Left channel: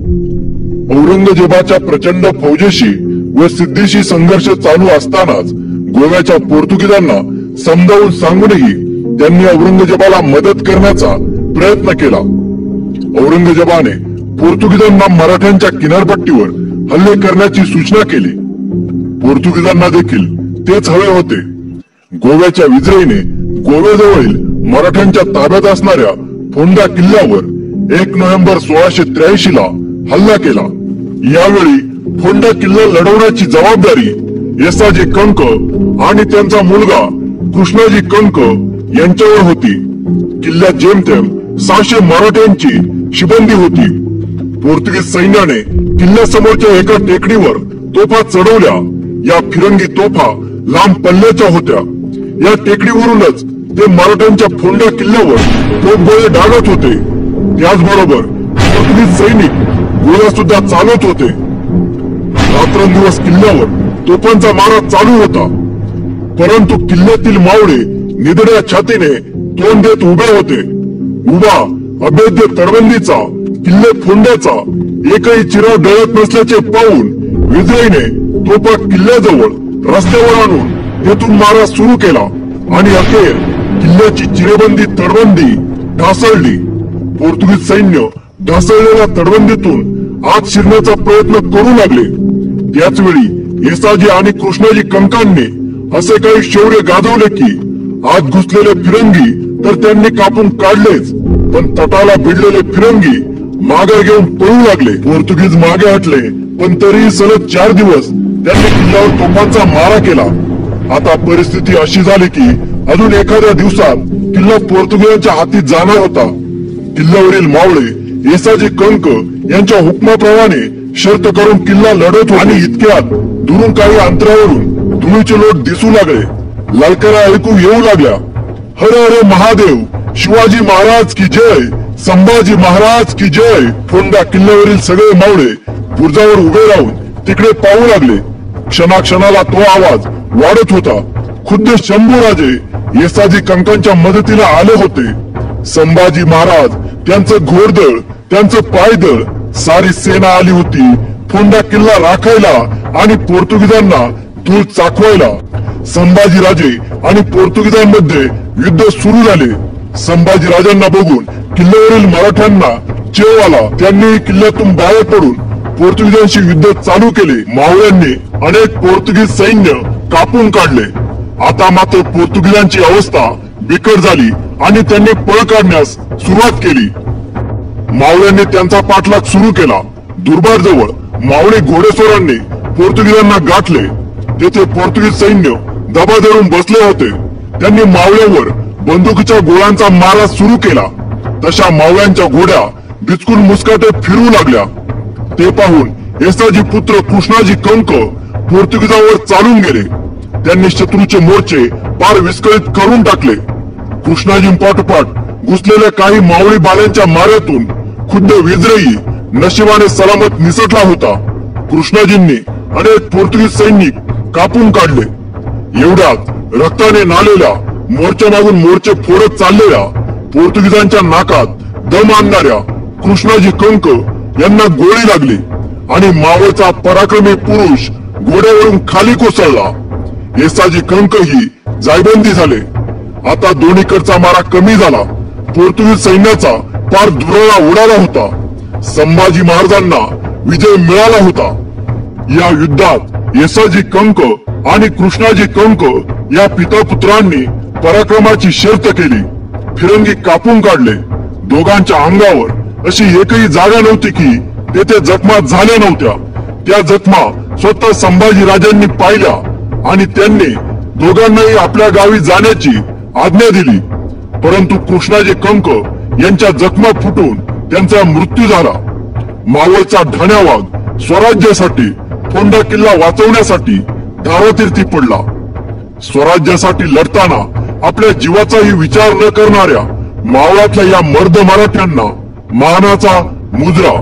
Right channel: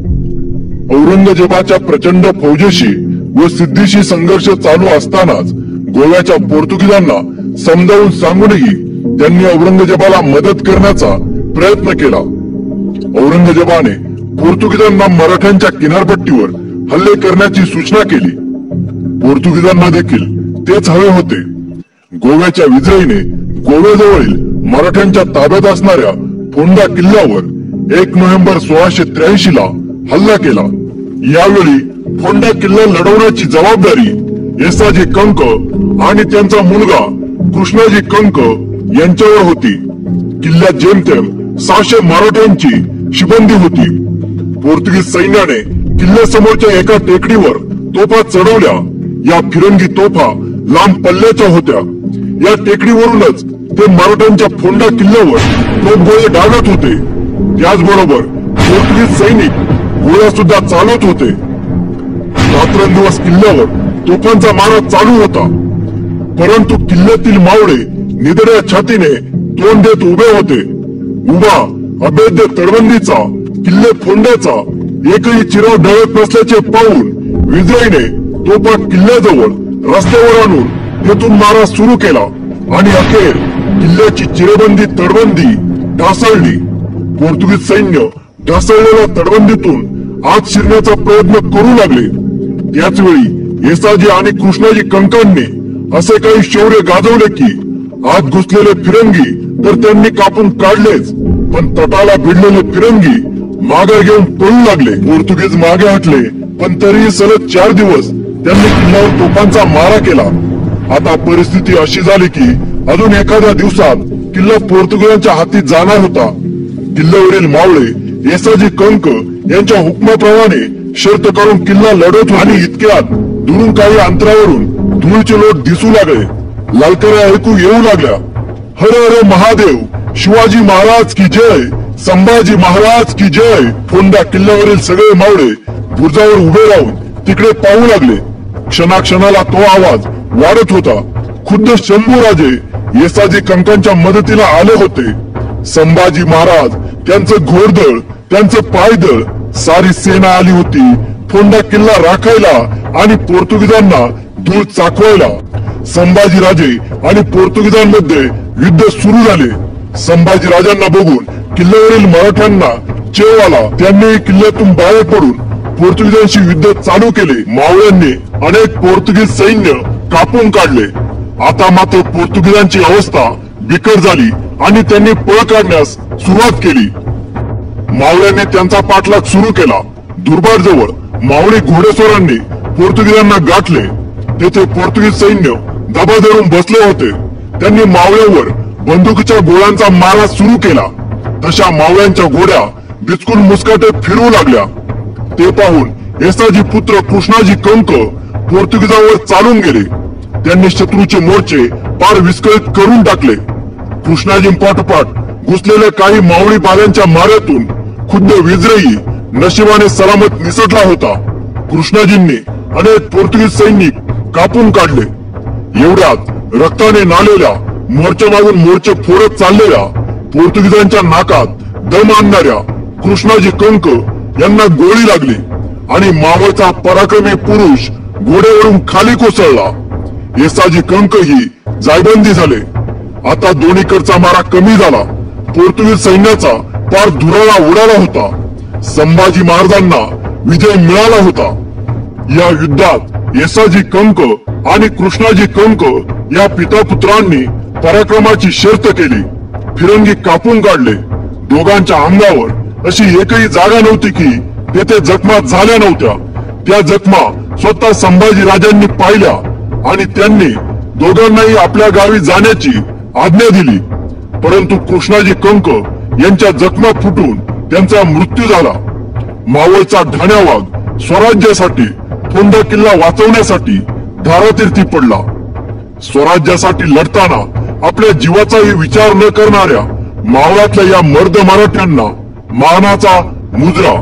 औरंगजेबाच्या प्रचंड फौजेशी व सिद्धीशी संघर्ष चालू असतानाच गोव्याच्या पोर्तुगीजांना समजावून सांगूनही त्यांनी औरंगजेबाला मदत करण्याचा प्रयत्न केला। औरंगजेबाने पोर्तुगीजांना मराठ्यांच्या किनारपट्टीवर हल्ले करण्याची सूचना केली। पोर्तुगीजांना देखील तेच हवे होते। गोव्याच्या विजयीने गोव्याजवळील मराठ्यांच्या ताब्यात असणाऱ्या फोंडा किल्ल्यावर 1 नोव्हेंबर 1683 ला हल्ला केला। यावेळी फोंडा किल्ला लढवण्याची जबाबदारी येसाजी कंक आणि त्यांचा मुलगा कृष्णाजी कंक यांच्यावर होती। किल्ल्यात जेमतेम 600 मराठ्यांची शिबंदी होती। पोर्तुगीज सैन्याने किल्ल्यासमोरच्या एका टेकडीवर तोफा चढवल्या। या फिरंगी तोफा लांब पल्ल्याच्या होत्या। या टेकडीवरूनच ते मराठ्यांच्या फोंडा किल्ल्यावर तोफगोळे डागत होते। त्याचबरोबर पोर्तुगीज सैनिक गोळ्या सुद्धा चालवत होते। रात्रंदिवस किल्ल्यावर तोफांचा मारा चालू होता, परंतु किल्ल्यातील मावळे निधड्या छातीने तोंड देत उभे होते। उभा अभेद्य तटबंदीचा किल्ले फोंड्याचा एकही चिराव ढळत नसल्याचे पाहून विजयीने तोफा किल्ल्याजवळ रस्त्यावर आणून तेथून मारा सुरू केला आणि अखेर किल्ल्याची चिरेबंदी तटबंदी ढासळली। पोर्तुगीज सैन्य ढासळलेल्या तटबंदीतून आत शिरण्याचा प्रयत्न करू लागले। त्याचवेळी येसाजी आणि कृष्णाजी कंकांनी असे काही शौर्य गाजवले की आत घुसलेले फिरंगी तर त्यांनी कापून काढलेच, पण तटाला भिडलेले फिरंगी मागे घेऊन पळू लागले। पोर्तुगीज मागे हटले, पण तरीही सलग 4 दिवस त्यांनी किल्ल्यावर तोफांचा मारा केला। आता परिस्थिती अशी झाली की अजून एखाद्या दिवसात किल्ला पोर्तुगीजांच्या हाती जाणार होता। किल्ल्यावरील मावळे येसाजी कंक यांच्या हुकमाप्रमाणे शर्त करून किल्ला लढत होते आणि इतक्यात दुरून काही अंतरावरून धुळीचे लोट दिसू लागले। ललकारा ऐकू येऊ लागल्या। हर हर महादेव, शिवाजी महाराज की जय, संभाजी महाराज की जय। फोंडा किल्ल्यावरील सगळे मावळे बुरुजावर उभे राहून तिकडे पाहू लागले। क्षणाक्षणाला तो आवाज वाढत होता। खुद्द शंभूराजे येसाजी कंकांच्या मदतीला आले होते। संभाजी महाराज, त्यांचं घोडदळ, त्यांचं पायदळ, सारी सेना आली होती फोंडा किल्ला राखायला आणि पोर्तुगीजांना धूळ चाखवायला। संभाजीराजे आणि पोर्तुगीजांमध्ये युद्ध सुरू झाले। संभाजीराजांना बघून किल्ल्यावरील मराठ्यांना चेव आला। त्यांनी किल्ल्यातून बाहेर पडून पोर्तुगीजांशी युद्ध चालू केले। मावळ्यांनी अनेक पोर्तुगीज सैन्य कापून काढले। आता मात्र पोर्तुगीजांची अवस्था बिकट झाली आणि त्यांनी पळ काढण्यास सुरुवात केली। मावळ्यांनी त्यांचा पाठलाग सुरू केला। दुर्बाट जवळ मावळी घोडेस्वारांनी पोर्तुगीजांना गाठले। तेथे पोर्तुगीज सैन्य दबा धरून बसले होते। त्यांनी मावळ्यावर बंदुकीच्या गोळ्यांचा मारा सुरू केला। तशा मावळ्यांच्या घोड्या बिचकून मुस्काटे फिरू लागल्या। ते पाहून येसाजी पुत्र कृष्णाजी कंक पोर्तुगीजांवर चालून गेले। त्यांनी शत्रूचे मोर्चे पार विस्कळीत करून टाकले। कृष्णाजींपाठोपाठ घुसलेल्या काही मावळी बाल्यांच्या माऱ्यातून खुद्द विजयी नशिबाने सलामत निसटला होता। कृष्णाजींनी अनेक पोर्तुगीज सैनिक कापून काढले। एवढ्यात रक्ताने नालेल्या मोर्चा मागून मोर्चे फोडत चाललेल्या पोर्तुगीजांच्या नाकात दम आणणाऱ्या कृष्णाजी कंक यांना गोळी लागली आणि मावळचा पराक्रमी पुरुष घोड्यावरून खाली कोसळला। येसाजी कंक ही जायबंदी झाले। आता दोन्हीकडचा मारा कमी झाला। पोर्तुगीज सैन्याचा पार धुराळा उडाला होता। संभाजी महाराजांना विजय मिळाला होता। या युद्धात येसाजी कंक आणि कृष्णाजी कंक या पिता पुत्रांनी पराक्रमाची शर्त केली। फिरंगी कापून काढले। दोघांच्या अंगावर अशी एकही जागा नव्हती की तेथे जखमा झाल्या नव्हत्या। त्या जखमा स्वतः संभाजी राजांनी पाहिल्या आणि त्यांनी दोघांनाही आपल्या गावी जाण्याची आज्ञा दिली। परंतु कृष्णाजी कंक यांच्या जखमा फुटून त्यांचा मृत्यू झाला। मावळचा ठाण्या वाघ स्वराज्यासाठी, फोंडा किल्ला वाचवण्यासाठी धारातीर्थी पडला। स्वराज्यासाठी लढताना आपल्या जीवाचाही विचार न करणाऱ्या मावळातल्या या मर्द मराठ्यांना मानाचा मुजरा